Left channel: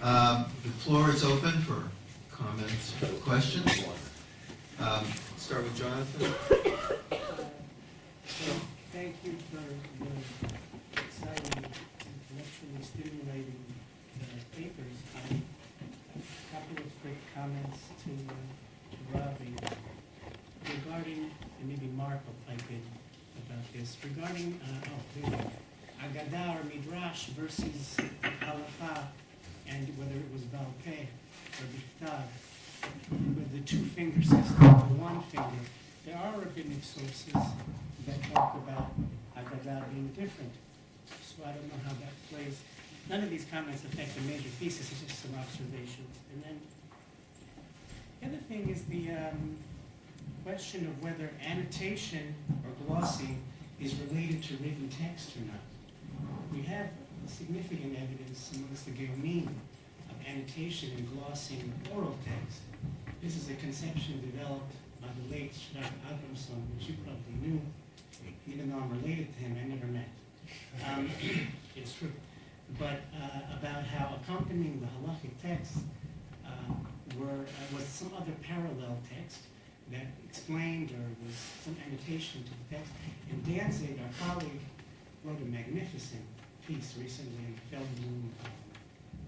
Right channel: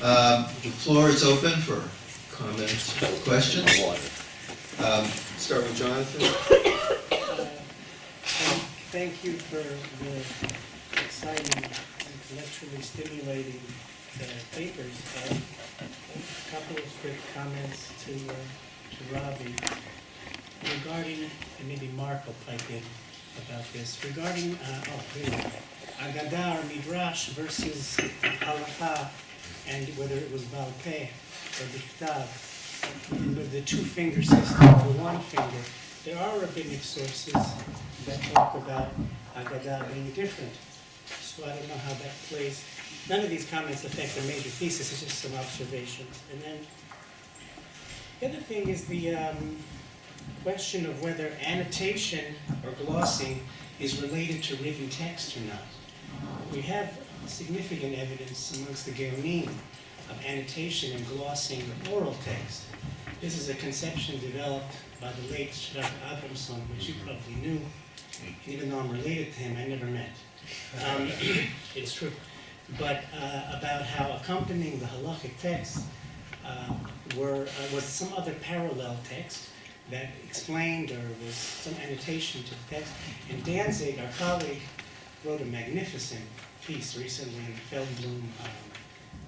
The floor is open for comments, questions. Start with Jonathan. Thank you for the exciting, intellectually stimulating papers. A couple of quick comments to Robbie regarding, and maybe Mark will pipe in about this, regarding, Agadah or Midrash versus Halakha, and whether it was Baal Peh or Bichtav, with the two-finger system, the one finger. There are rabbinic sources that talk about Agadah being different. So I don't know how that plays. None of these comments affect the major thesis, it's just some observations. And then the other thing is the question of whether annotation or glossing is related to written text or not. We have significant evidence amongst the Geonim of annotation and glossing of oral text. This is a conception developed by the late Shrak Abramson, which you probably knew. Even though I'm related to him, I never met. It's true. But about how accompanying the halachic text was some other parallel text that explained or was some annotation to the text. And Danzig, our colleague, wrote a magnificent piece recently in the Feldblum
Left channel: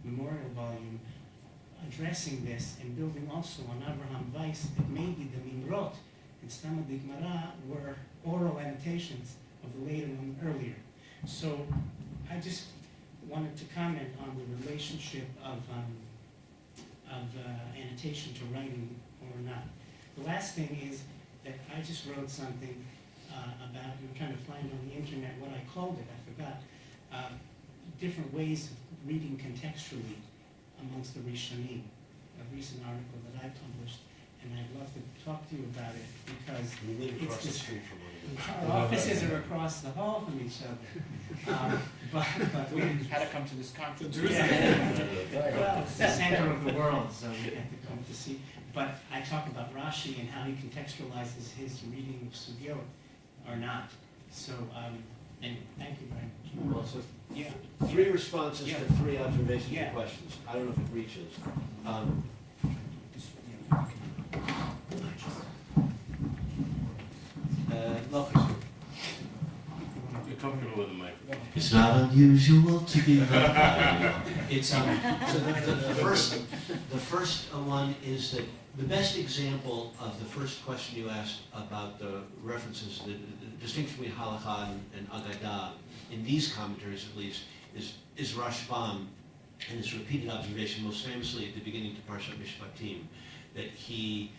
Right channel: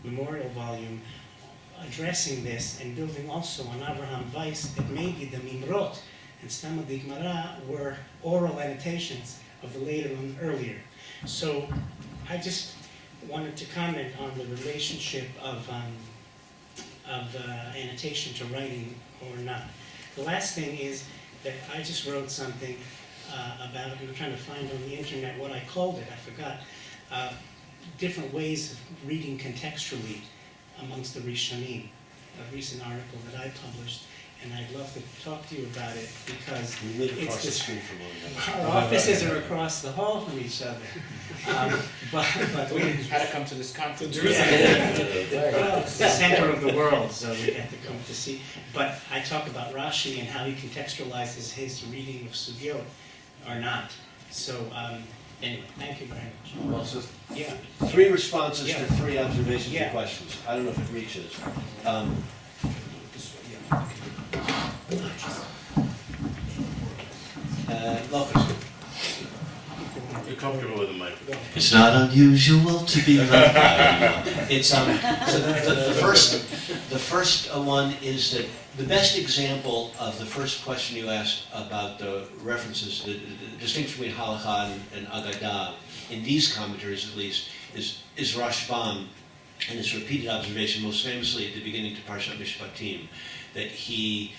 memorial volume addressing this and building also on Avraham Weiss that maybe the Mimrot and Stama Digmara were oral annotations of the later and earlier. So I just wanted to comment on the relationship of annotation to writing or not. The last thing is that I just wrote something about, and I'm trying to find on the internet what I called it, I forgot, different ways of reading contextually amongst the Rishonim, a recent article that I published, and I'd love to talk to you about it because we live across it's the street from one another. our offices are across the hall from each other. But we How to come to this conference? well, it's the center of the world, so we have to come to see. But I talk about Rashi and how he contextualizes his reading of Sugyot or not. So anyway, thank you very much. Well, so Yeah. 3 responses Yeah. to 3 observations Yeah. and questions. I don't know if it reaches. Locust. You're comfortable with the microphone. It's not unusual to be left out. It's so the first one is that the best example of the first question you asked about the references, the distinction between halakha and agadah, in these commentaries at least, is Rashbam and his repeated observation, most famously at the beginning to Parshat Mishpatim, that he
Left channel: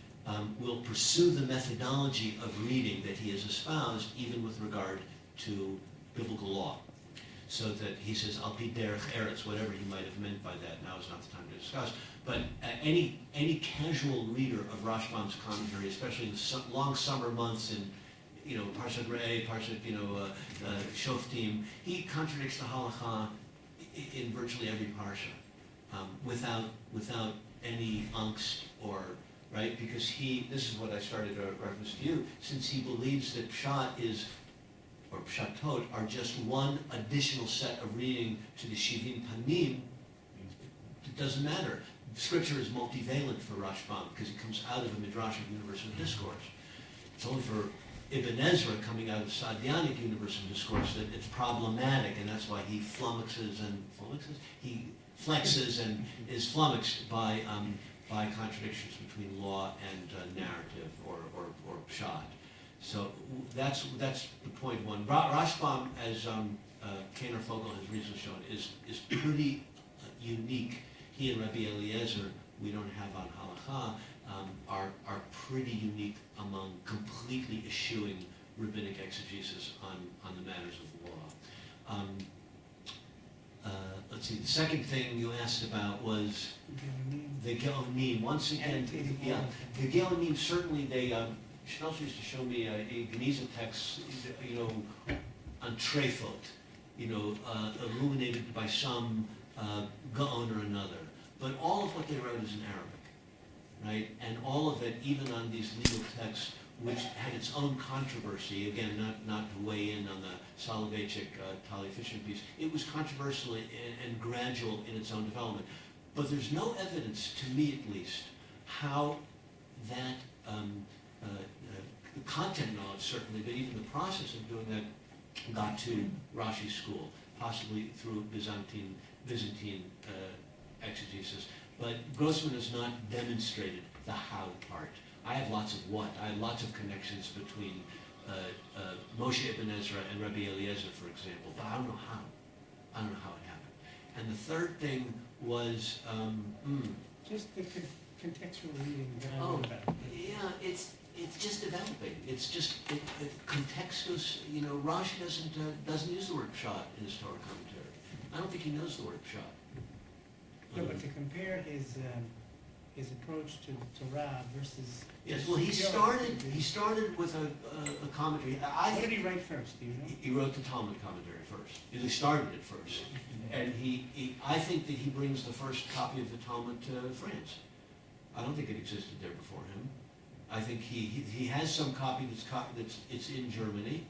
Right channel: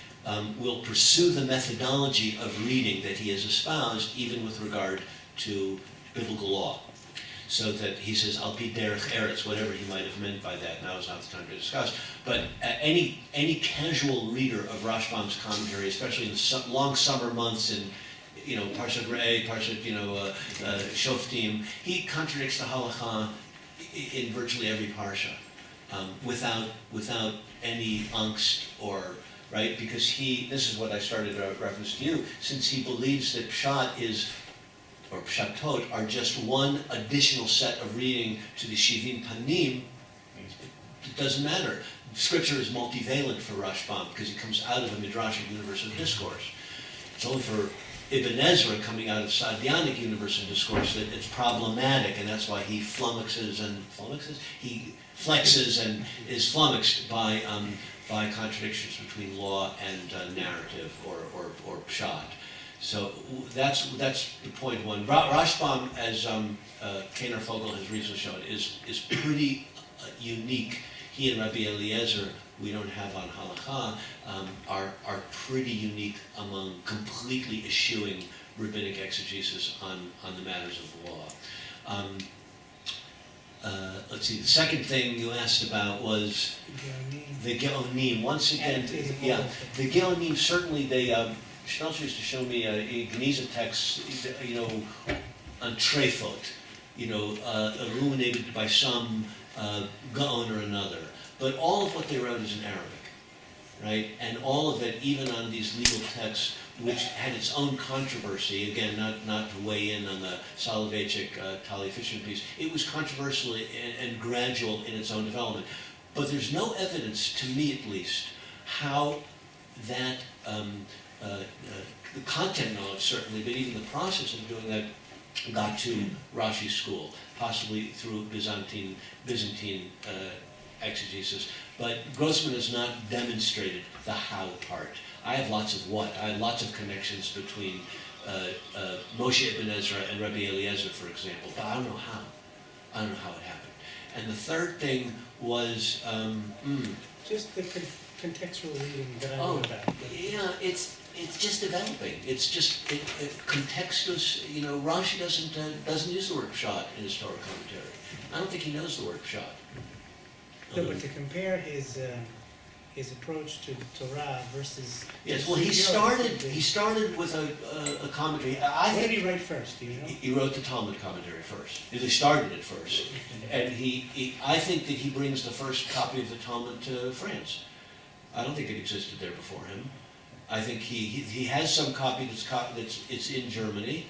will pursue the methodology of reading that he has espoused, even with regard to biblical law. So that he says, Al pi derech eretz, whatever he might have meant by that, now is not the time to discuss. But any casual reader of Rashbam's commentary, especially in the long summer months in Parshat Re'eh, Parshat Shoftim, he contradicts the halakha in virtually every parsha, without any angst or right, because this is what I started a reference to you, since he believes that Pshat or Pshatot are just one additional set of reading to the Shivim Panim, it doesn't matter. Scripture is multivalent for Rashbam because it comes out of a midrashic universe of discourse. It's only for Ibn Ezra coming out of Sadianic universe of discourse that it's problematic, and that's why he flexes and is flummoxed by contradictions between law and narrative or pshat. So that's the point one. Rashbam, as Kaner Fogel has recently shown, is pretty unique. He and Rabbi Eliezer, we don't have on halakha, are pretty unique among completely eschewing rabbinic exegesis on the matters of the law. Let's see, the second thing you asked about was the Geonim. Once again, the Geonim, certainly Schmelzer used to show me a Geniza text, on Trefot, illuminated by some Gaon or another. But all of what they wrote is in Arabic, right? And all of it, even on these legal texts, which had its own controversy, again, not to weigh in on the Soloveitchik Tali Fisher piece, it was controversial and gradual in its own development. But there's no evidence, to me at least, how that, the content knowledge certainly, but even the process of doing that got to Rashi's school, possibly through Byzantine exegesis. But Grossman has not demonstrated the how part. I have lots of what. I have lots of connections between Moshe Ibn Ezra and Rabbi Eliezer, for example, but I don't know how. I don't know how it happened. And the third thing was, Just the contextual reading that I know about. yeah, it's just developing. It's just contextus. You know, Rashi doesn't use the word pshat in his Torah commentary. I don't think he knows the word pshat. No, but to compare his approach to the Torah versus. Yes, well, he started with a commentary. What did he write first? Do you know? He wrote the Talmud commentary first. He started it first, and I think that he brings the first copy of the Talmud to France. I don't think it existed there before him. I think he has some copy it's in Germany,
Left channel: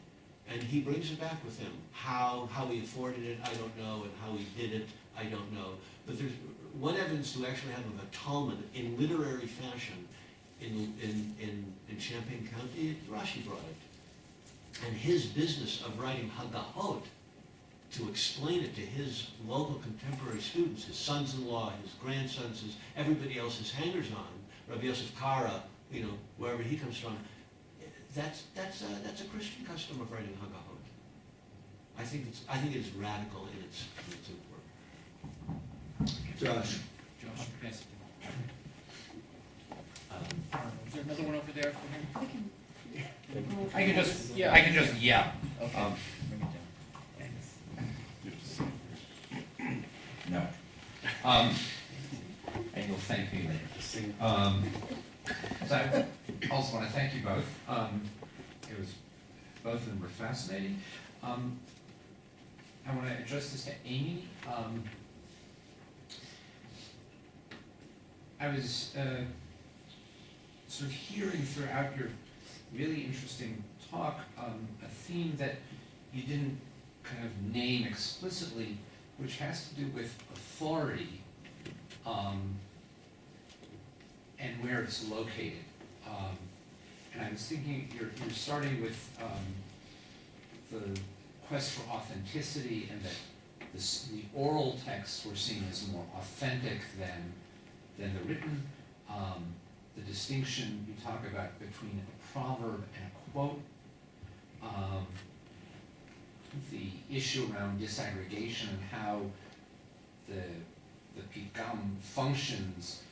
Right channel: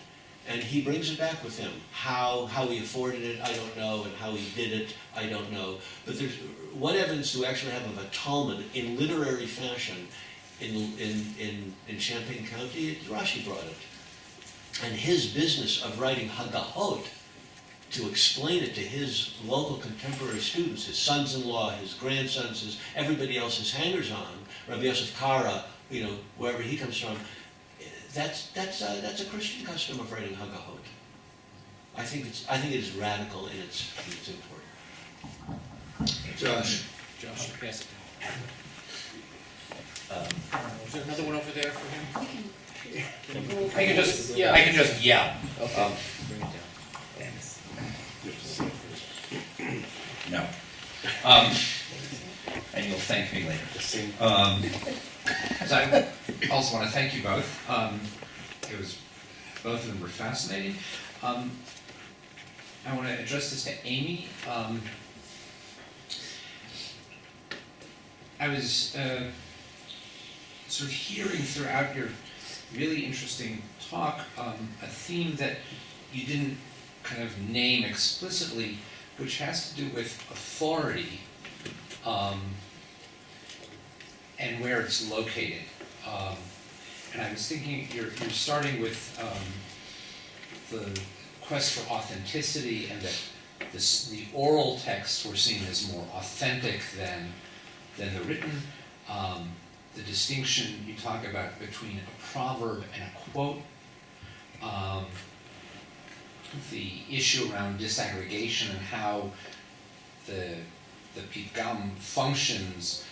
and he brings it back with him. How he afforded it, I don't know, and how he did it, I don't know. But there's what evidence do we actually have of a Talmud in literary fashion in Champaign County? Rashi brought it, and his business of writing Hagahot to explain it to his local contemporary students, his sons-in-law, his grandsons, everybody else, his hangers-on, Rabbi Yosef Kara, you know, wherever he comes from, that's a Christian custom of writing Hagahot. I think it is radical in its import. Josh. Yes. Is there another one over there for him? I can just yell. Okay. Bring it down. No. And you'll thank me later. So I also want to thank you both. Both of them were fascinating. I want to address this to Amy. I was sort of hearing throughout your really interesting talk a theme that you didn't kind of name explicitly, which has to do with authority and where it's located. And I was thinking you're starting with the quest for authenticity, and that the oral texts were seen as more authentic than the written. The distinction you talk about between a proverb and a quote. The issue around disaggregation and how the pidgam functions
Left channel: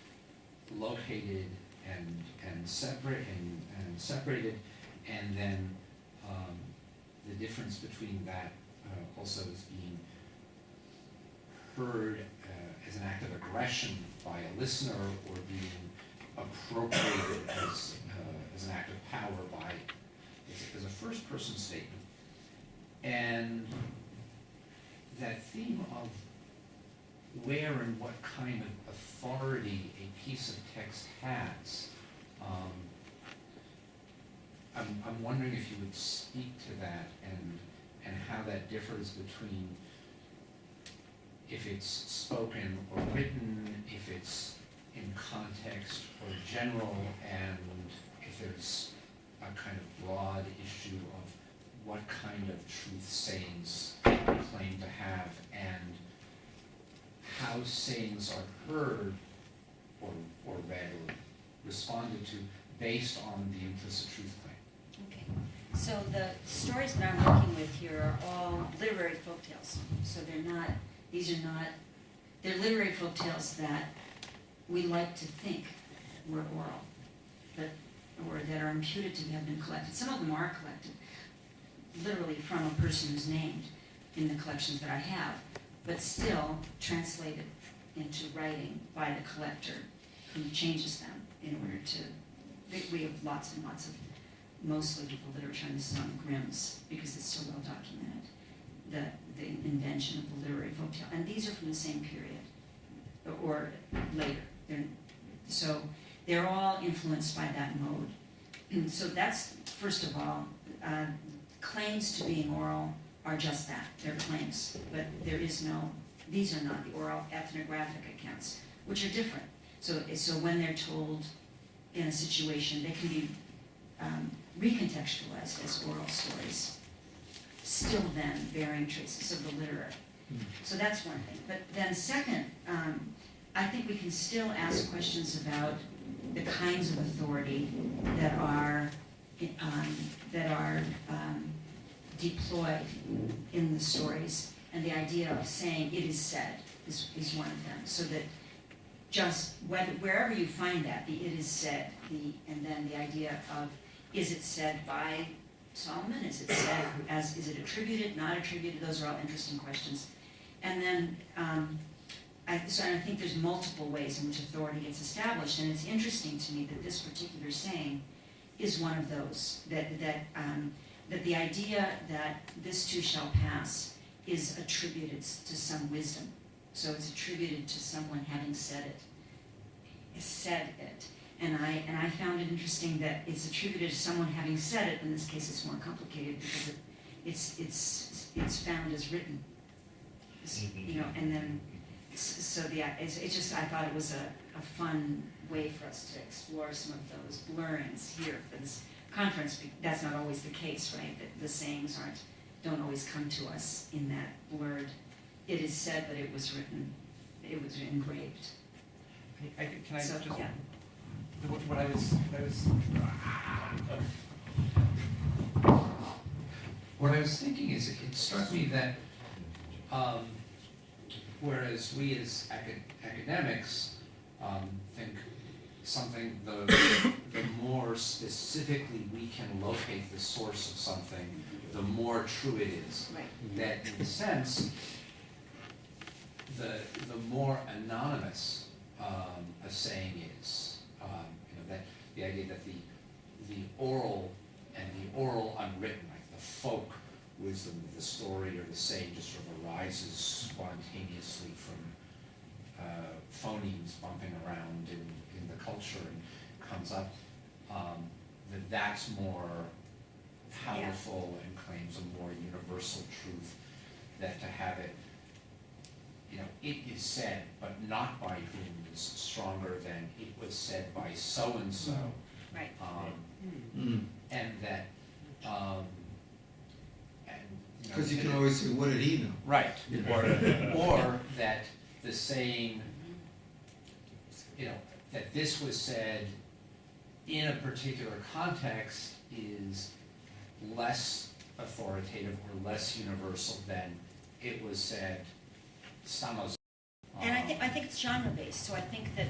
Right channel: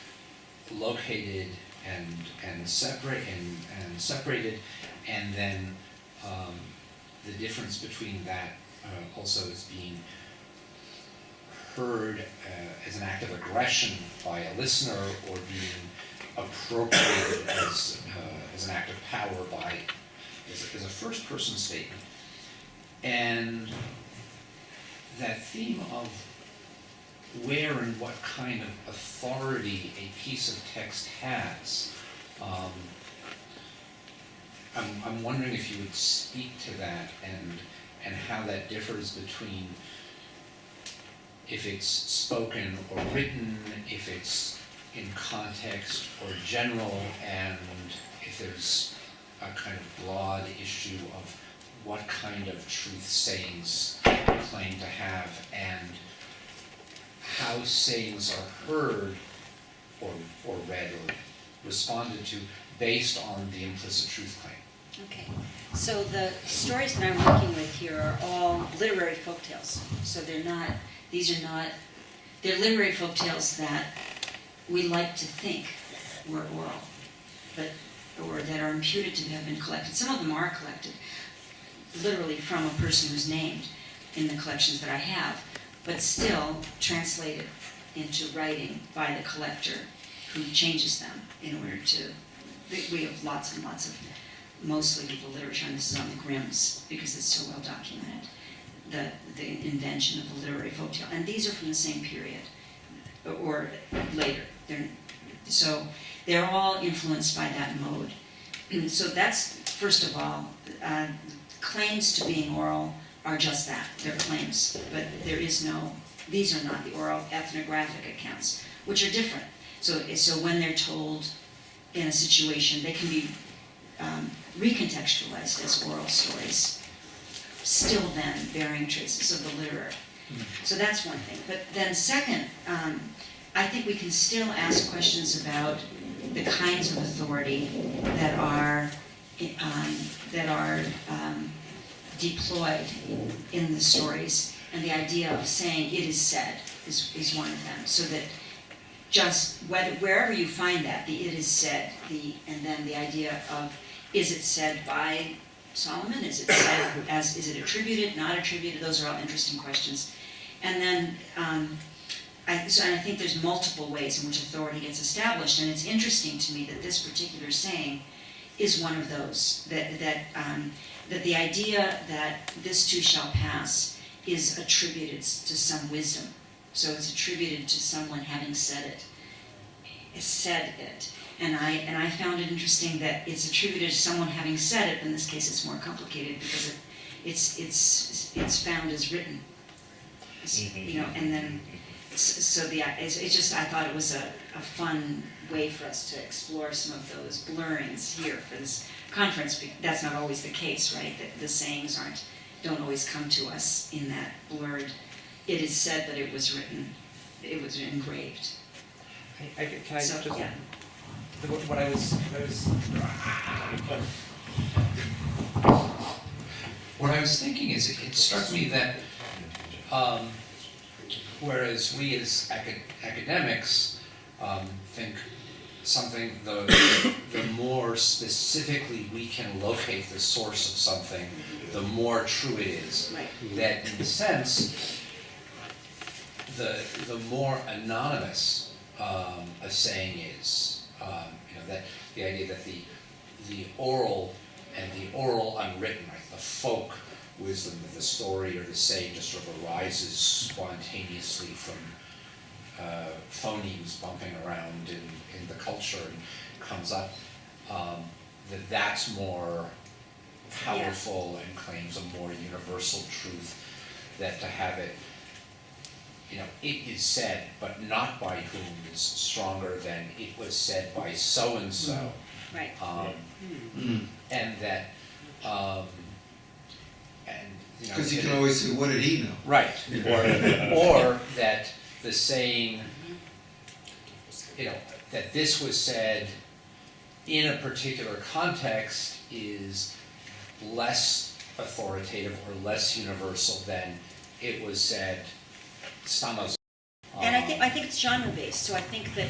located and separated, and then the difference between that also as being heard as an act of aggression by a listener, or being appropriated as an act of power as a first person statement. And that theme of where and what kind of authority a piece of text has, I'm wondering if you would speak to that, and how that differs between if it's spoken or written, if it's in context or general, and if there's a kind of broad issue of what kind of truth sayings claim to have, and how sayings are heard or read or responded to based on the implicit truth claim. Okay, so the stories that I'm working with here are all literary folktales. So they're literary folktales that we like to think were oral, or that are imputed to have been collected. Some of them are collected literally from a person who's named in the collections that I have, but still translated into writing by the collector, who changes them in order to. We have lots and lots of, mostly the literature, and this is on the Grimms because it's so well documented, the invention of the literary folktale. And these are from the same period, or later. So they're all influenced by that mode. And so that's, first of all, claims to being oral are just that. They're claims, but there is no these are not the oral ethnographic accounts, which are different. So when they're told in a situation, they can be recontextualized as oral stories, still then bearing traces of the literary. So that's one thing. But then second, I think we can still ask questions about the kinds of authority that are deployed in the stories, and the idea of saying it is said is one of them. So that just wherever you find that, the it is said, and then the idea of is it said by Solomon? Is it said is it attributed, not attributed? Those are all interesting questions. And then I think there's multiple ways in which authority gets established, and it's interesting to me that this particular saying is one of those, that the idea that this too shall pass is attributed to some wisdom. So it's attributed to someone having said it. And I found it interesting that it's attributed to someone having said it. In this case, it's more complicated because it's found as written. You know, and then it's just, I thought it was a fun way for us to explore some of those blurrings here for this conference. That's not always the case, right? That the sayings don't always come to us in that blurred, it is said that it was written, it was engraved. Can I So, just, yeah. what I was What I was thinking is, it struck me that whereas we as academics think something, the more specifically we can locate the source of something, the more true it is. Right. That in a sense, the more anonymous a saying is, that the idea that the oral and the oral unwritten, like the folk wisdom of the story or the saying just sort of arises spontaneously from phonemes bumping around in the culture and comes up, that's more powerful and claims a more universal truth, that to have it, it is said, but not by whom is stronger than it was said by so-and-so. Right. And that, Because you can always say, what did he know? right, or that the saying, that this was said in a particular context is less authoritative or less universal than it was said stamos. And I think it's genre-based, so I think that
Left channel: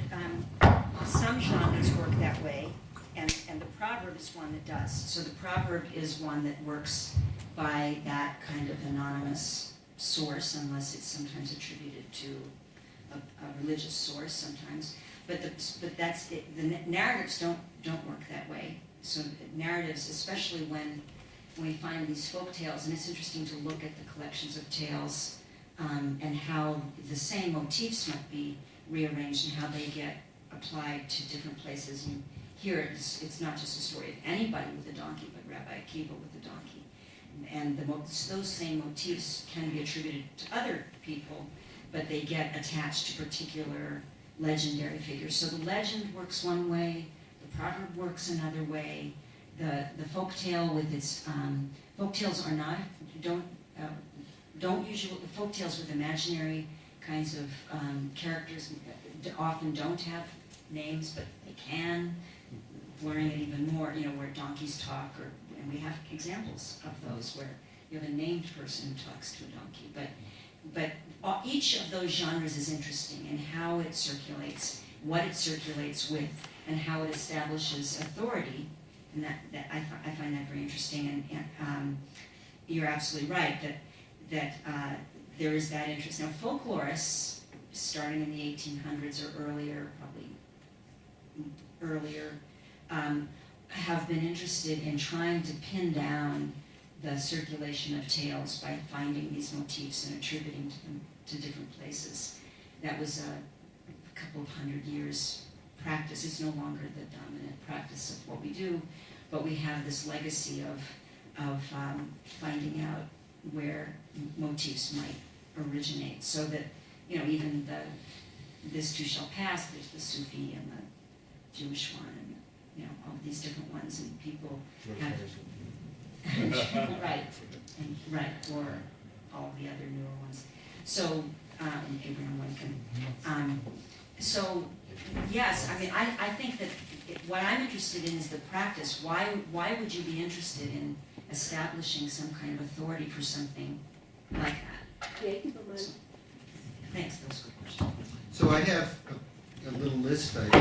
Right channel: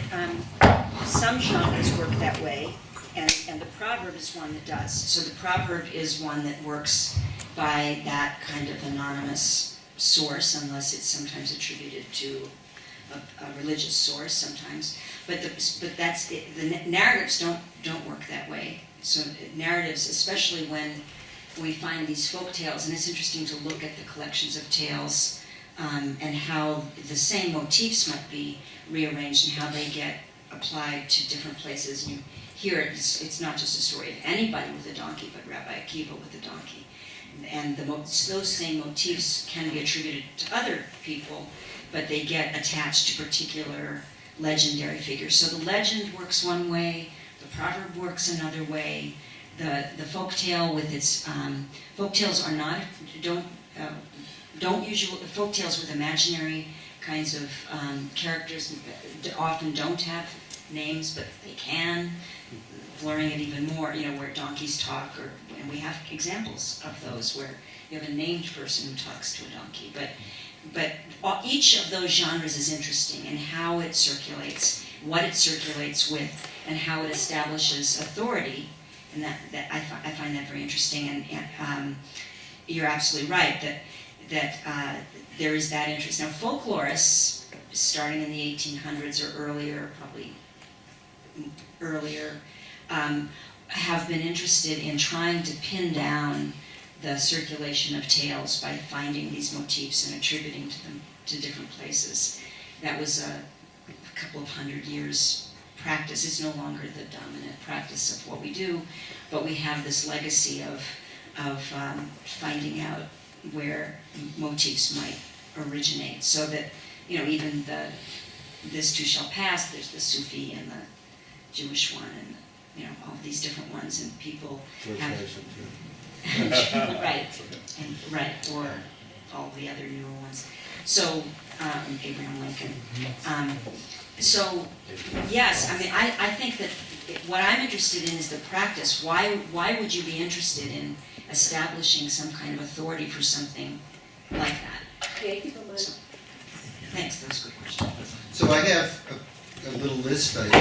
some genres work that way, and the proverb is one that does. So the proverb is one that works by that kind of anonymous source, unless it's sometimes attributed to a religious source sometimes. But that's it. The narratives don't work that way. So narratives, especially when we find these folk tales, and it's interesting to look at the collections of tales and how the same motifs might be rearranged and how they get applied to different places. You hear it's not just a story of anybody with a donkey, but Rabbi Akiva with a donkey. And those same motifs can be attributed to other people, but they get attached to particular legendary figures. So the legend works one way, the proverb works another way. The folk tale with its folk tales don't usually, folk tales with imaginary kinds of characters often don't have names, but they can, blurring it even more, where donkeys talk, and we have examples of those where you have a named person who talks to a donkey. But each of those genres is interesting in how it circulates, what it circulates with, and how it establishes authority. And that I find that very interesting. And you're absolutely right that there is that interest. Now, folklorists, starting in the 1800s or earlier, probably earlier, have been interested in trying to pin down the circulation of tales by finding these motifs and attributing to them to different places. That was a couple of 100 years practice. It's no longer the dominant practice of what we do, but we have this legacy of finding out where motifs might originate, so that even this too shall pass, there's the Sufi and the Jewish one, and, all these different ones, and people have... Right, or all the other newer ones. So, Abraham Lincoln. So, yes, I think that what I'm interested in is the practice. Why would you be interested in establishing some kind of authority for something like that? So, thanks, that was a good question. So I have a little list that I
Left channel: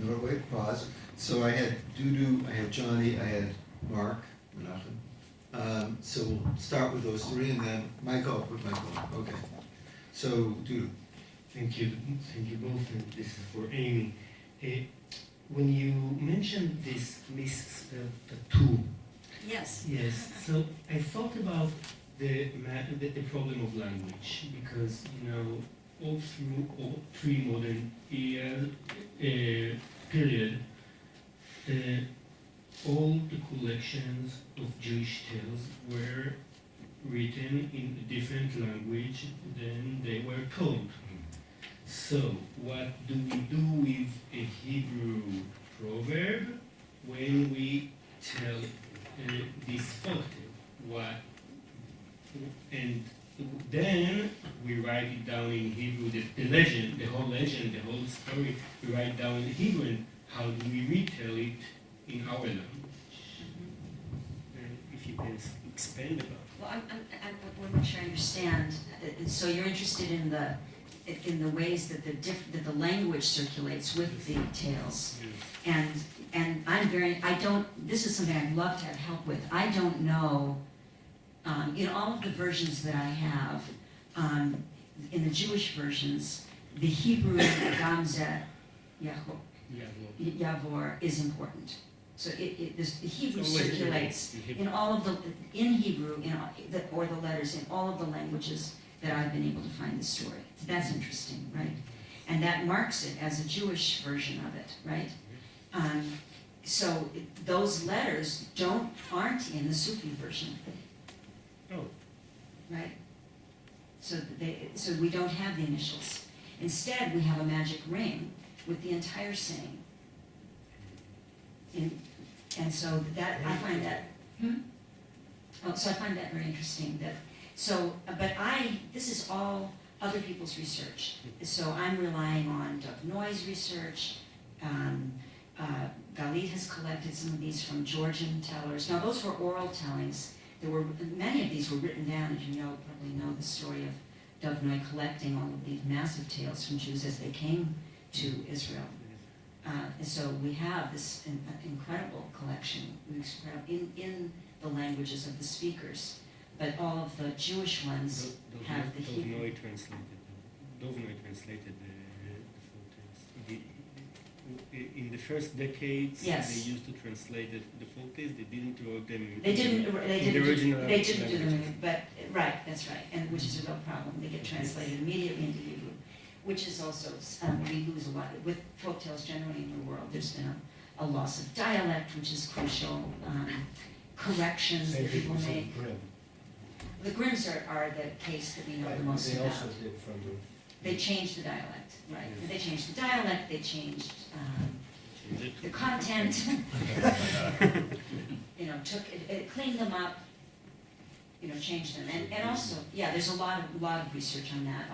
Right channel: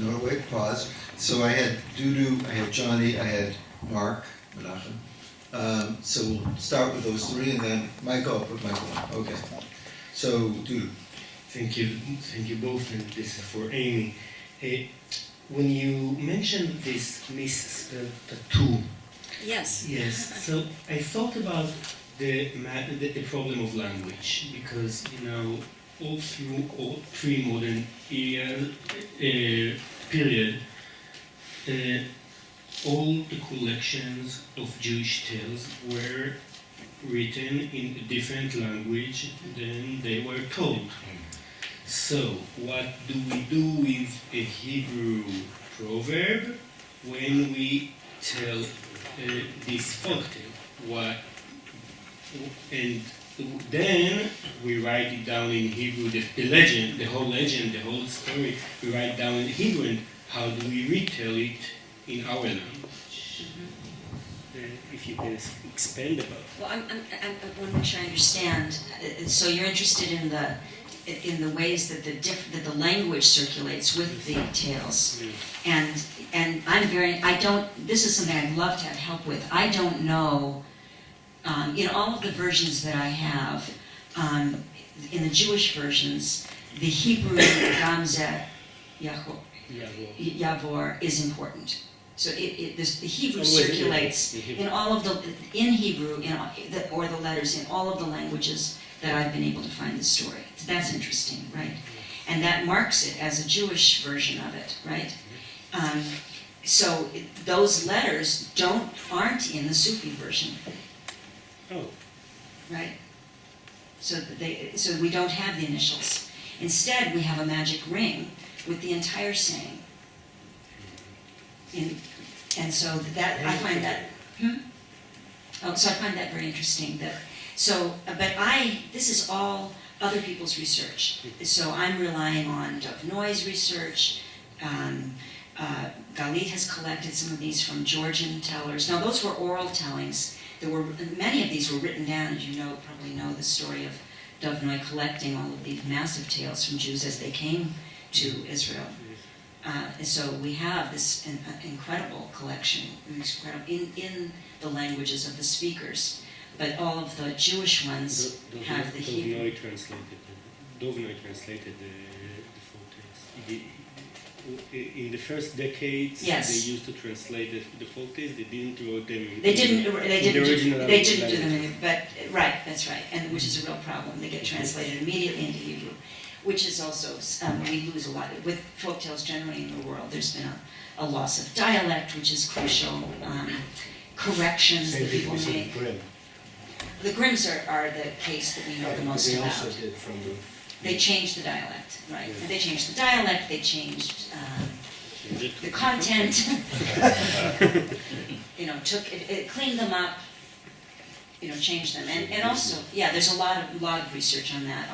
know. Wait, pause. So I had Dudu, I had Johnny, I had Mark, Menachem. So we'll start with those three, and then Michael, I'll put Michael on. Okay. So Dudu. Thank you both, and this is for Amy. When you mentioned this misspelled tattoo, Yes. yes, so I thought about the problem of language, because all through all pre-modern period, all the collections of Jewish tales were written in a different language than they were told. So, what do we do with a Hebrew proverb when we tell this folktale? And then we write it down in Hebrew, the legend, the whole story, we write down in Hebrew, and how do we retell it in our language? If you can expand about it. Well, I want to make sure I understand. So you're interested in the ways that the language circulates with the tales, Yes. and this is something I'd love to have help with. I don't know. In all of the versions that I have, in the Jewish versions, the Hebrew Gamzeh Yavor is important. So the Hebrew circulates in all of in Hebrew, or the letters in all of the languages that I've been able to find the story. So that's interesting, right? And that marks it as a Jewish version of it, right? So those letters aren't in the Sufi version. Oh. Right? So we don't have the initials. Instead, we have a magic ring with the entire saying. And so that I find that. So I find that very interesting. This is all other people's research. So I'm relying on Dov Noy's research. Galit has collected some of these from Georgian tellers. Now those were oral tellings. Many of these were written down, as you probably know the story of Dov Noy collecting all of these massive tales from Jews as they came to Israel. And so we have this incredible collection, in the languages of the speakers. But all of the Jewish ones have the Hebrew. Dov Noy translated the folktales. In the first decades, Yes. they used to translate the folktales. They didn't write them. They didn't do them, language. but right, that's right, and which is a real problem. They get translated immediately into Hebrew, which is also we lose a lot with folktales generally in the world. There's been a loss of dialect, which is crucial. Corrections that people make. The Grimms are the case that we know the most about. They also did from the. They changed the dialect, right? Yeah. And they changed the dialect. They changed the content. Took it, cleaned them up. Changed them, and also, there's a lot of research on that.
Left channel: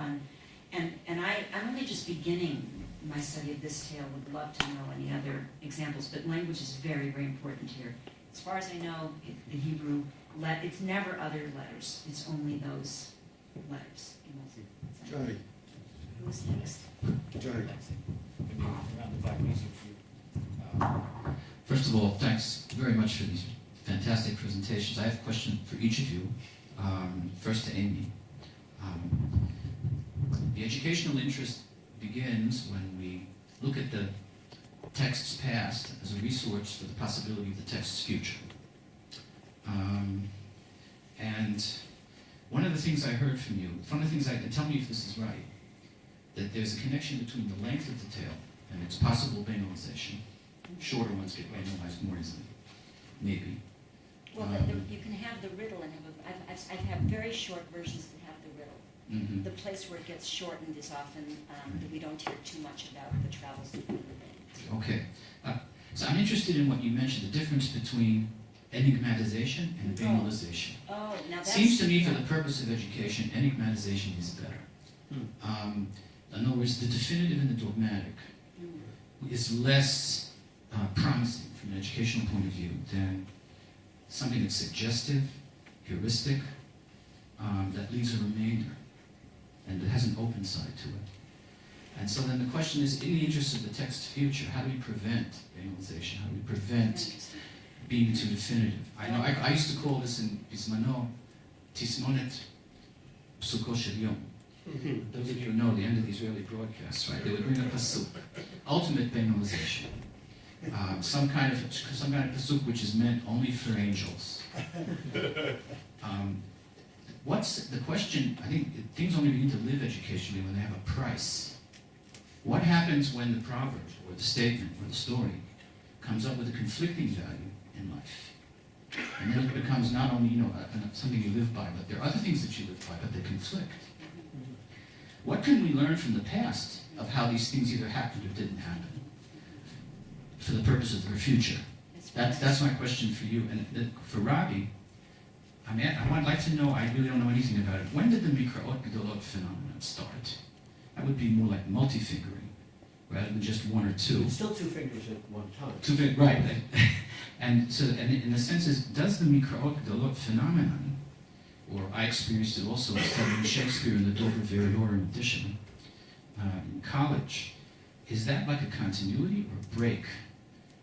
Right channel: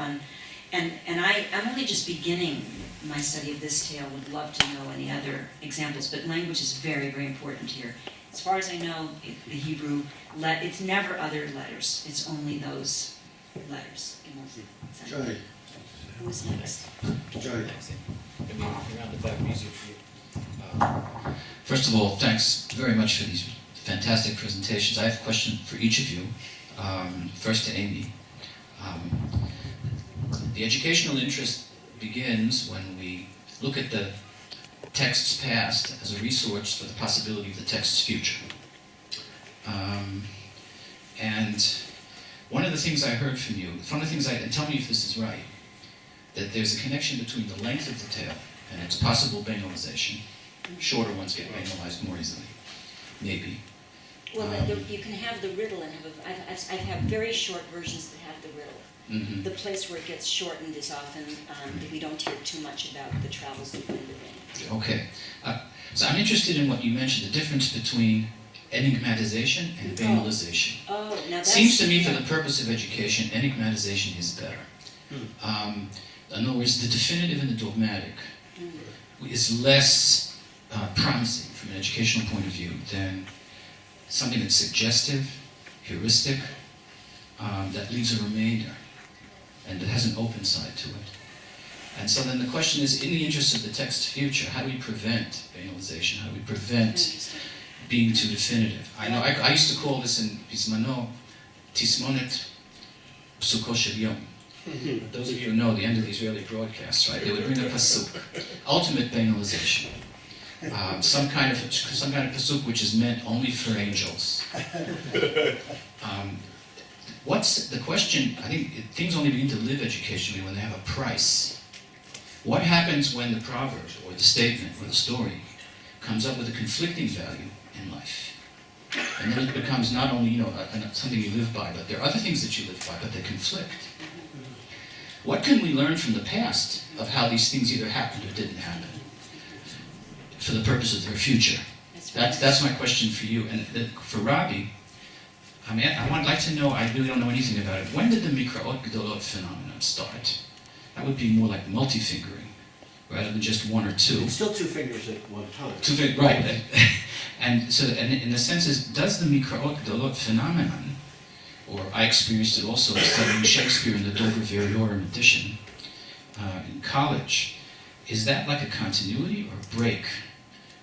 And I'm only just beginning my study of this tale. Would love to know any other examples, but language is very, very important here. As far as I know, the Hebrew, it's never other letters. It's only those letters. Johnny. Who's next? Johnny. Maybe around the back, easier for you. First of all, thanks very much for these fantastic presentations. I have a question for each of you. First to Amy. The educational interest begins when we look at the text's past as a resource for the possibility of the text's future. And one of the things I heard from you, and tell me if this is right, that there's a connection between the length of the tale and its possible banalization. Shorter ones get banalized more easily, maybe. Well, you can have the riddle and I have very short versions that have the riddle. Mhm. The place where it gets shortened is often, that we don't hear too much about the travels of the rain. Okay. So I'm interested in what you mentioned, the difference between enigmatization and banalization. Oh, now that's... Seems to me for yeah. the purpose of education, enigmatization is better. In other words, the definitive and the dogmatic is less promising from an educational point of view than something that's suggestive, heuristic, that leaves a remainder, and that has an open side to it. And so then the question is, in the interest of the text's future, how do we prevent banalization? How do we prevent Interesting. being too definitive? I know I used to call this in Bismano, Tismonet Psuko Shel Yom. Those of you who know the end of the Israeli broadcasts, right? They would bring a pasuk, ultimate banalization, some kind of pasuk which is meant only for angels. What's the question? I think things only begin to live educationally when they have a price. What happens when the proverb or the statement or the story comes up with a conflicting value in life? And then it becomes not only something you live by, but there are other things that you live by, but they conflict. What can we learn from the past of how these things either happened or didn't happen for the purpose of their future? That's my question for you. And for Robbie, I would like to know, I really don't know anything about it. When did the Mikraot Gedolot phenomenon start? That would be more like multi-fingering, rather than just one or two. It's still two fingers at one time. Right. And so, and in the sense is, does the Mikraot Gedolot phenomenon, or I experienced it also studying Shakespeare in the Dover Variorum edition in college, is that like a continuity or a break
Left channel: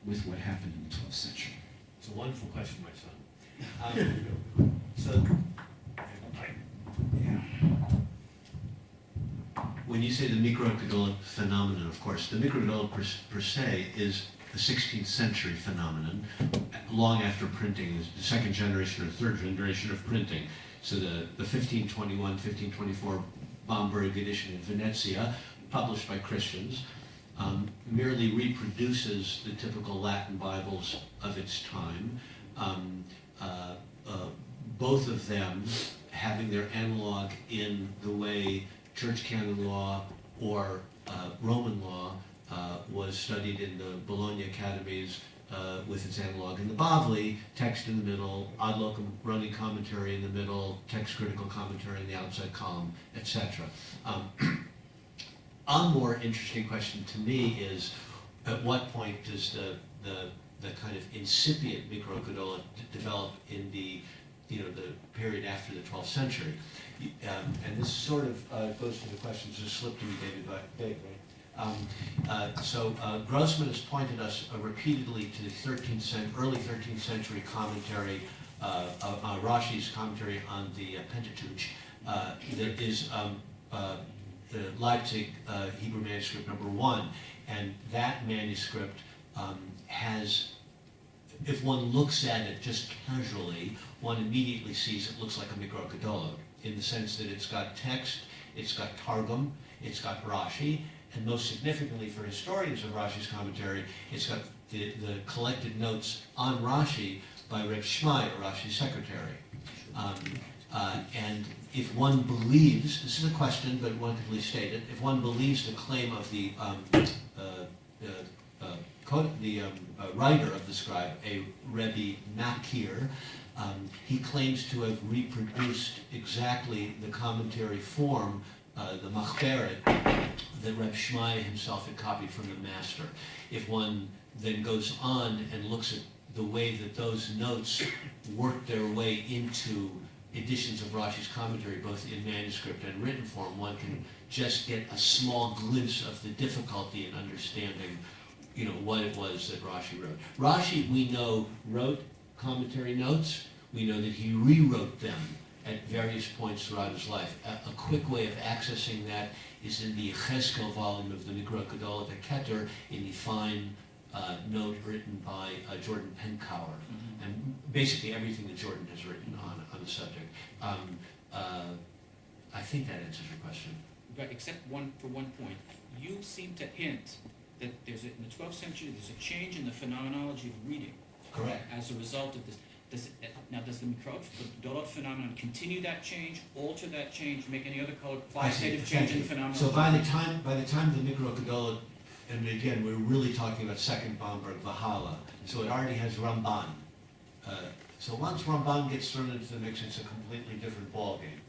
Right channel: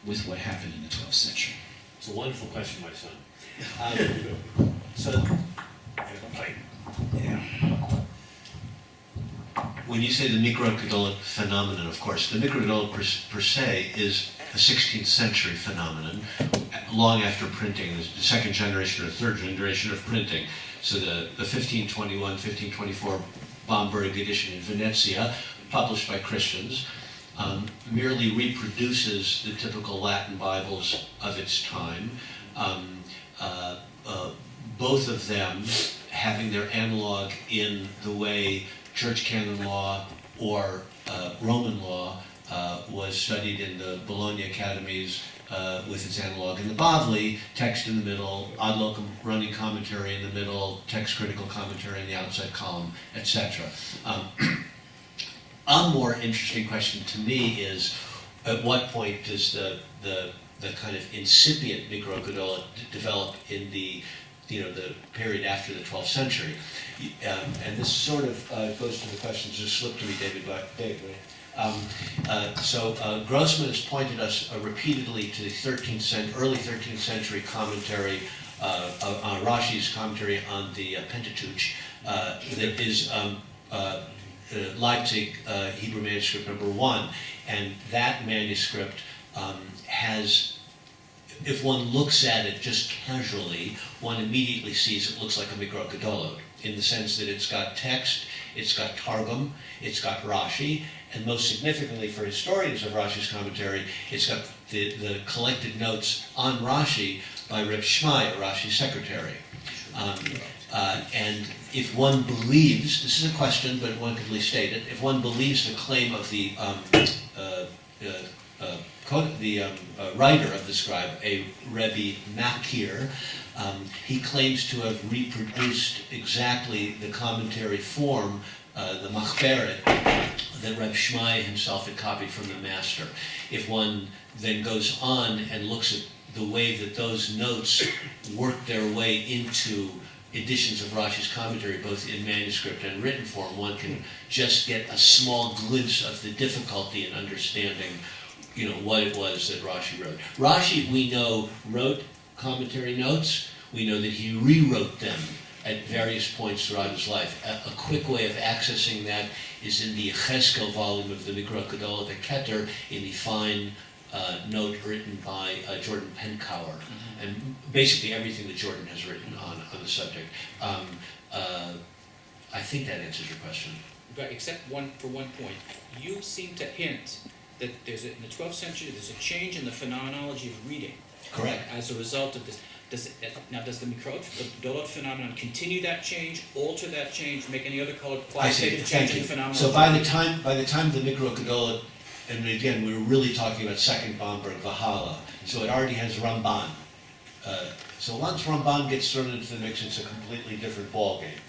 with what happened in the 12th century? It's a wonderful question, my son. When you say the Mikro-Gedolot phenomenon, of course, the Mikro-Gedolot per se is a 16th century phenomenon, long after printing, the second generation or third generation of printing. So the 1521, 1524 Bomberg edition in Venezia, published by Christians, merely reproduces the typical Latin Bibles of its time. Both of them having their analog in the way church canon law or Roman law was studied in the Bologna academies with its analog in the Bavli, text in the middle, ad locum running commentary in the middle, text critical commentary in the outside column, etc. A more interesting question to me is, at what point does the kind of incipient Mikro-Gedolot develop in the period after the 12th century? And this sort of goes to the questions that slipped to me, David, right? So Grossman has pointed us repeatedly to the early 13th century commentary, Rashi's commentary on the Pentateuch, that is Leipzig Hebrew manuscript number 1, and that manuscript has, if one looks at it just casually, one immediately sees it looks like a Mikro-Gedolot, in the sense that it's got text, it's got Targum, it's got Rashi, and most significantly for historians of Rashi's commentary, it's got the collected notes on Rashi by Reb Shmai, Rashi's secretary. And if one believes, this is a question, but one could at least state it, if one believes the claim of the writer of the scribe, a Rebbe Makir, he claims to have reproduced exactly the commentary form, the Machberet, that Reb Shmai himself had copied from the master. If one then goes on and looks at the way that those notes work their way into editions of Rashi's commentary, both in manuscript and written form, one can just get a small glimpse of the difficulty in understanding, what it was that Rashi wrote. Rashi, we know, wrote commentary notes. We know that he rewrote them at various points throughout his life. A quick way of accessing that is in the Cheskel volume of the Mikro-Gedolot, the Keter, in the fine note written by Jordan Penkower, and basically everything that Jordan has written on the subject. I think that answers your question. But except for one point, you seem to hint that in the 12th century, there's a change in the phenomenology of reading. Correct. As a result of this. does the Dolot phenomenon continue that change, alter that change, make any other qualitative change in the phenomenon? So by the time the Mikro Gedolat, and again, we're really talking about Second Bomberg, Valhalla, so it already has Ramban. So once Ramban gets thrown into the mix, it's a completely different ballgame.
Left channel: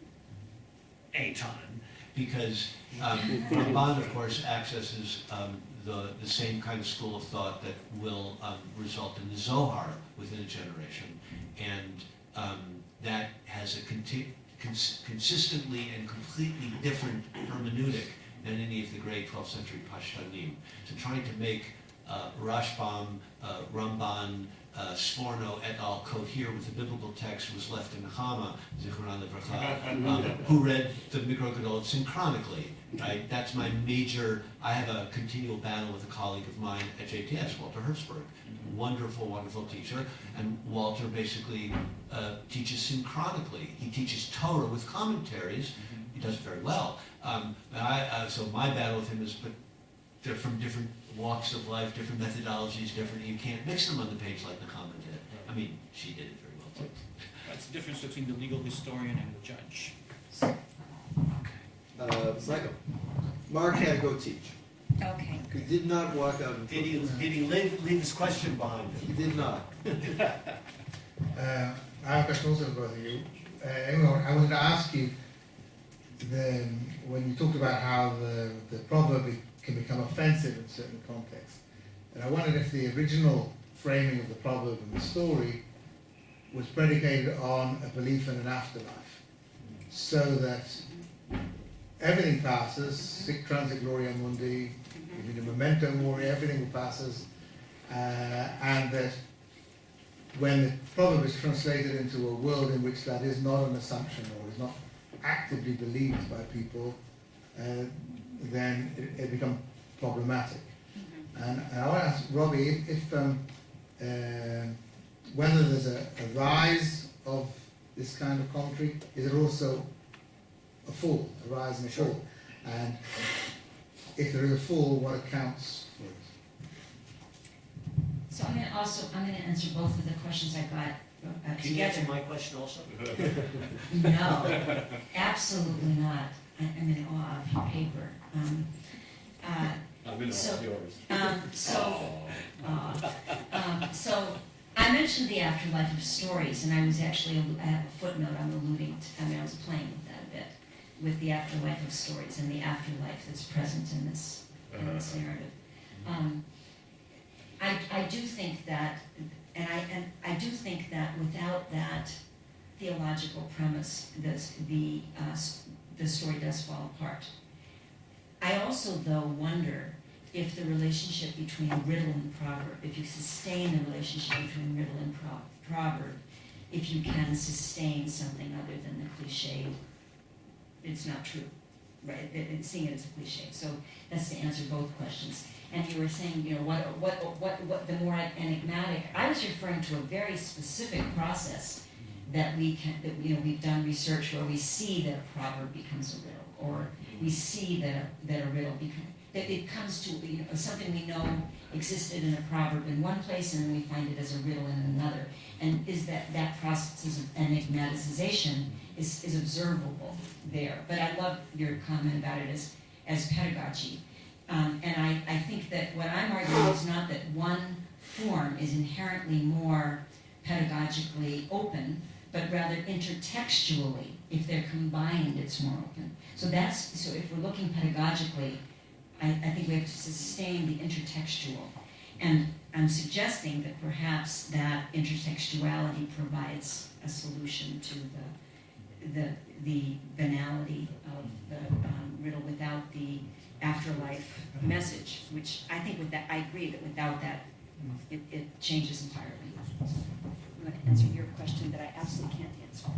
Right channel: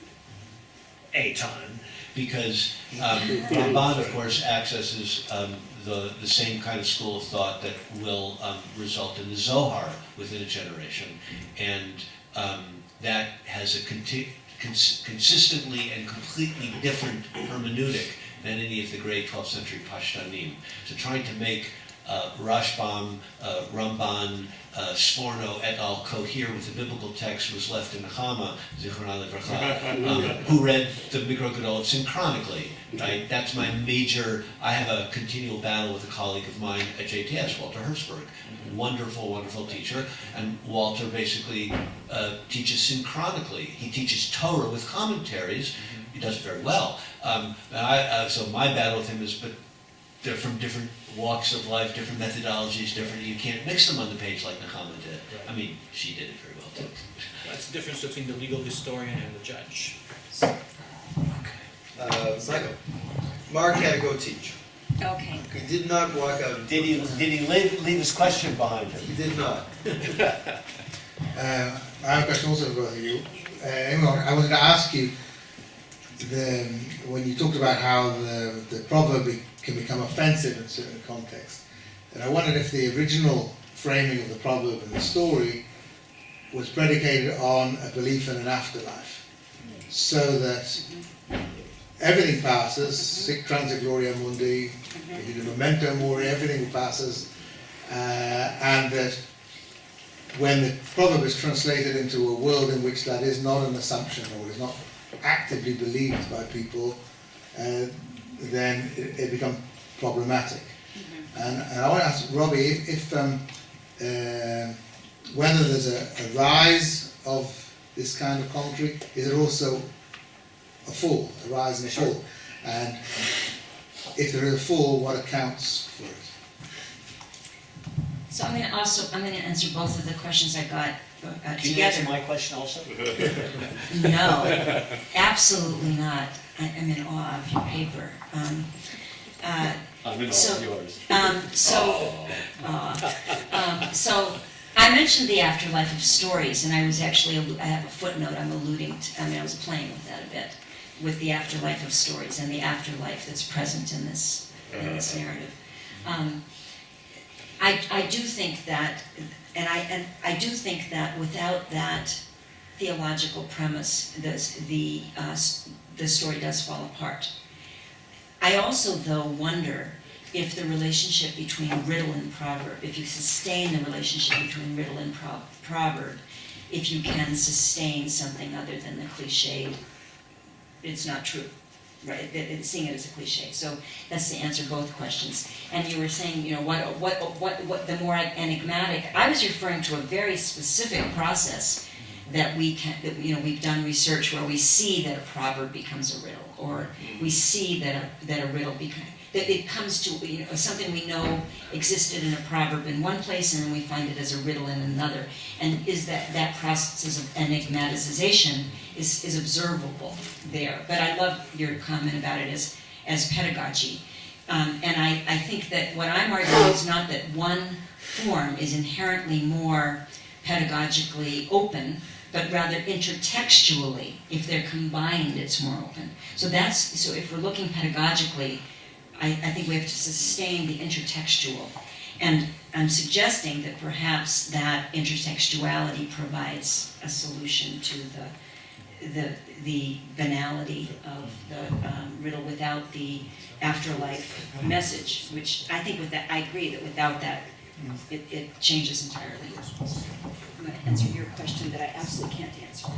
A ton, because Ramban, of course, accesses the same kind of school of thought that will result in the Zohar within a generation, and that has a consistently and completely different hermeneutic than any of the great 12th century Pashtanim. So trying to make Rashbam, Ramban, Sforno et al. Cohere with the biblical text was left in Nechama, Zichronah Livracha, who read the Mikro Gedolat synchronically. Right? That's my major. I have a continual battle with a colleague of mine at JTS, Walter Hertzberg. Wonderful, wonderful teacher. And Walter basically teaches synchronically. He teaches Torah with commentaries. He does it very well. So my battle with him is, but they're from different walks of life, different methodologies, different. You can't mix them on the page like Nechama did. I mean, she did it very well too. That's the difference between the legal historian and the judge. Michael, Mark had to go teach. Okay. He did not walk out. Did he leave his question behind him? He did not. I have a question also about you. Imran, I wanted to ask you, when you talked about how the proverb can become offensive in certain contexts, and I wondered if the original framing of the proverb in the story was predicated on a belief in an afterlife, so that everything passes, sic transit gloria mundi, the memento mori, everything passes, and that when the proverb is translated into a world in which that is not an assumption or is not actively believed by people, then it becomes problematic. And I want to ask Robbie if whether there's a rise of this kind of commentary, is there also a fall, a rise and a fall? And if there is a fall, what accounts for it? So I'm going to answer both of the questions I got Can you together. answer my question also? No, absolutely not. I'm in awe of your paper. I'm in So- all of yours. So I mentioned the afterlife of stories, and I have a footnote I'm alluding to. I was playing with that a bit, with the afterlife of stories and the afterlife that's present in this narrative. I do think that, and I do think that without that theological premise, the story does fall apart. I also, though, wonder if the relationship between riddle and proverb, if you sustain the relationship between riddle and proverb, if you can sustain something other than the cliched, it's not true, right? Seeing it as a cliche. So that's to answer both questions. And you were saying, what the more enigmatic. I was referring to a very specific process that we've done research where we see that a proverb becomes a riddle, or we see that a riddle that it comes to something we know existed in a proverb in one place, and then we find it as a riddle in another. And is that process of enigmatization is observable there. But I love your comment about it as pedagogy. And I think that what I'm arguing is not that one form is inherently more pedagogically open, but rather intertextually, if they're combined, it's more open. So if we're looking pedagogically, I think we have to sustain the intertextual. And I'm suggesting that perhaps that intertextuality provides a solution to the banality of the riddle without the afterlife message, which I think I agree that without that, it changes entirely. I'm going to answer your question that I absolutely can't answer.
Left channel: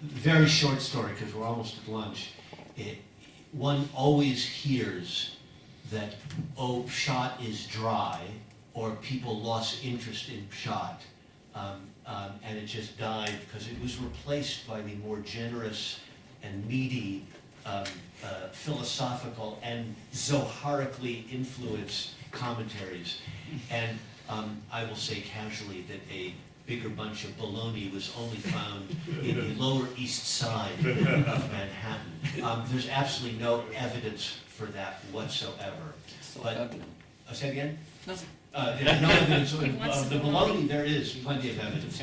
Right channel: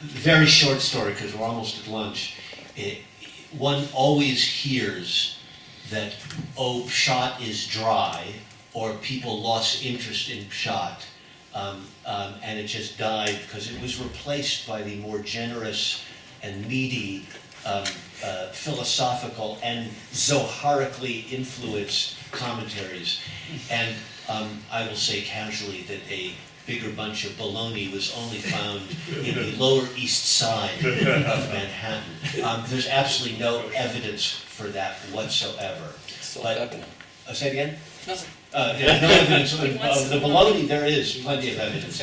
Very short story, because we're almost at lunch. One always hears that, Pshat is dry, or people lost interest in Pshat, and it just died because it was replaced by the more generous and meaty philosophical and Zoharically influenced commentaries. And I will say casually that a bigger bunch of baloney was only found in the Lower East Side of Manhattan. There's absolutely no evidence for that whatsoever. But, say it again? Nothing. There's no evidence of the baloney. There is plenty of evidence.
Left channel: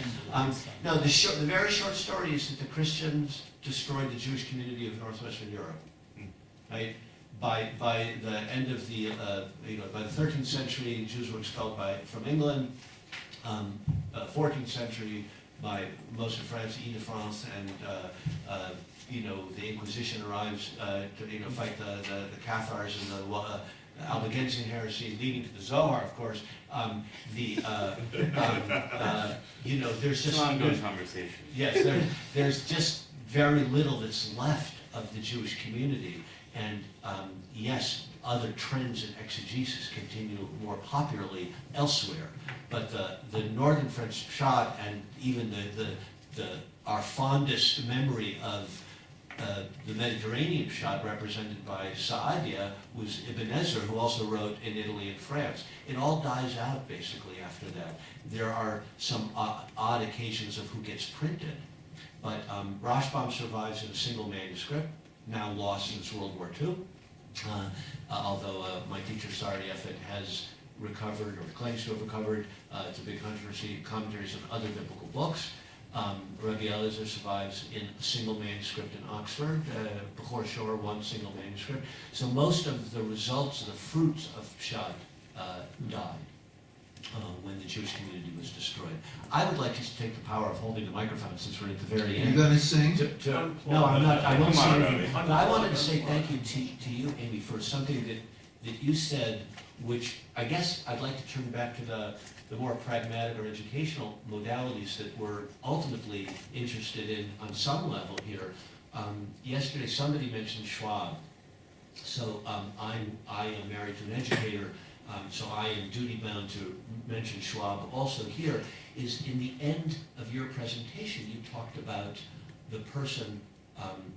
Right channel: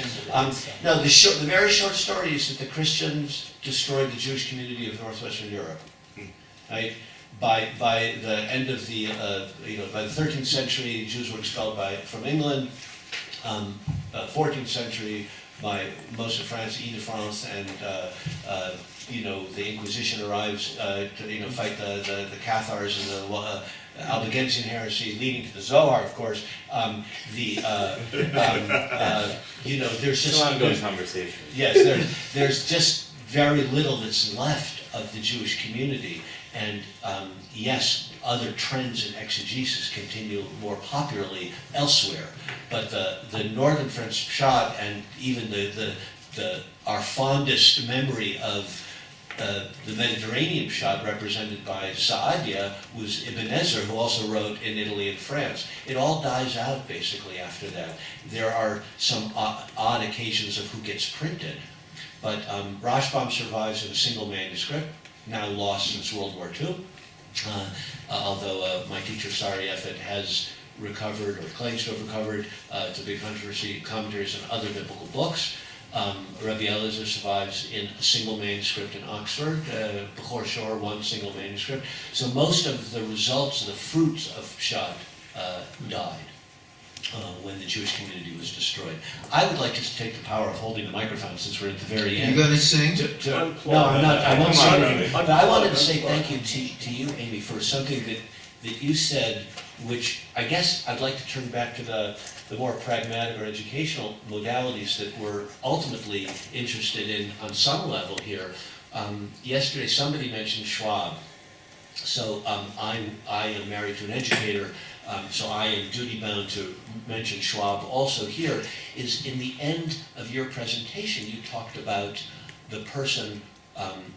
No, the very short story is that the Christians destroyed the Jewish community of northwestern Europe. Right? By the end of the by the 13th century, Jews were expelled from England. 14th century, by most of France, Ile-de-France, and the Inquisition arrives to fight the Cathars and the Albigensian heresy, leading to the Zohar, of course. There's just ongoing conversation. Yes, there's just very little that's left of the Jewish community, and yes, other trends in exegesis continue more popularly elsewhere, but the Northern French Pshat and even our fondest memory of the Mediterranean Pshat represented by Saadia was Ibn Ezra, who also wrote in Italy and France. It all dies out basically after that. There are some odd occasions of who gets printed, but Rashbam survives in a single manuscript, now lost since World War II. Although my teacher Sari Effet has recovered or claims to have recovered, it's a big controversy, commentaries on other biblical books. Rabbi Eliezer survives in a single manuscript in Oxford, Bechor Shor, one single manuscript. So most of the results, the fruits of Pshat died when the Jewish community was destroyed. I would like to take the power of holding the microphone since we're at the very end. You gonna sing? No, I'm not. I won't Come on, say Robbie. anything. But I wanted to say thank you to you, Amy, for something that you said, which I guess I'd like to turn back to the more pragmatic or educational modalities that we're ultimately interested in on some level here. Yesterday, somebody mentioned Schwab. So I am married to an educator, so I am duty-bound to mention Schwab also here, is in the end of your presentation, you talked about the person,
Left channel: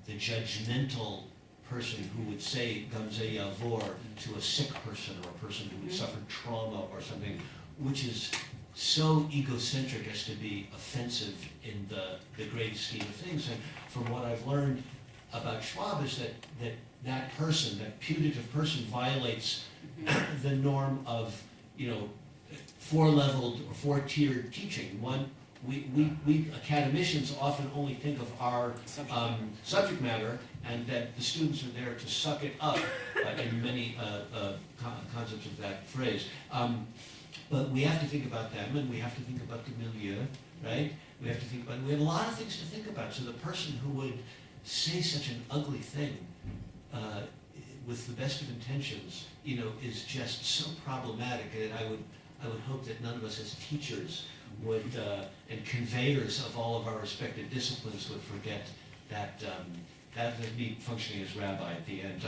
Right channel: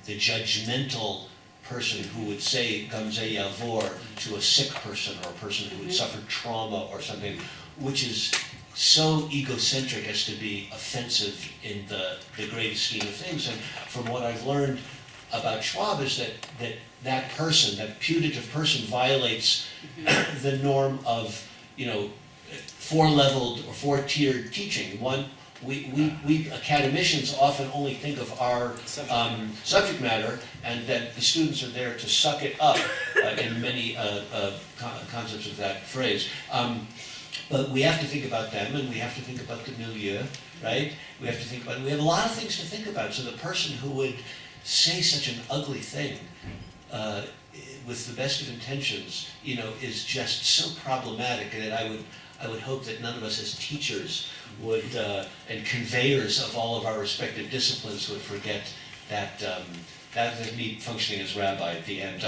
the judgmental person who would say Gamze Yavor to a sick person or a person who had suffered trauma or something, which is so egocentric as to be offensive in the greatest scheme of things. And from what I've learned about Schwab is that person, that putative person, violates the norm of, four-leveled or four-tiered teaching. One, we academicians often only think of our subject matter, and that the students are there to suck it up in many concepts of that phrase. But we have to think about them, and we have to think about the milieu, right? We have a lot of things to think about. So the person who would say such an ugly thing with the best of intentions, is just so problematic. And I would hope that none of us as teachers would, and conveyors of all of our respective disciplines would forget that that is me functioning as rabbi at the end.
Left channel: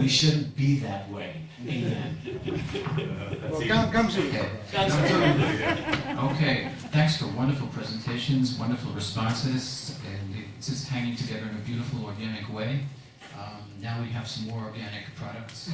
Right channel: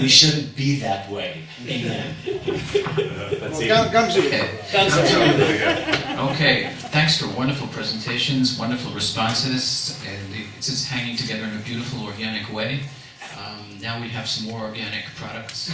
We shouldn't be that way. Amen. Okay, thanks for wonderful presentations, wonderful responses, and it's just hanging together in a beautiful, organic way. Now we have some more organic products.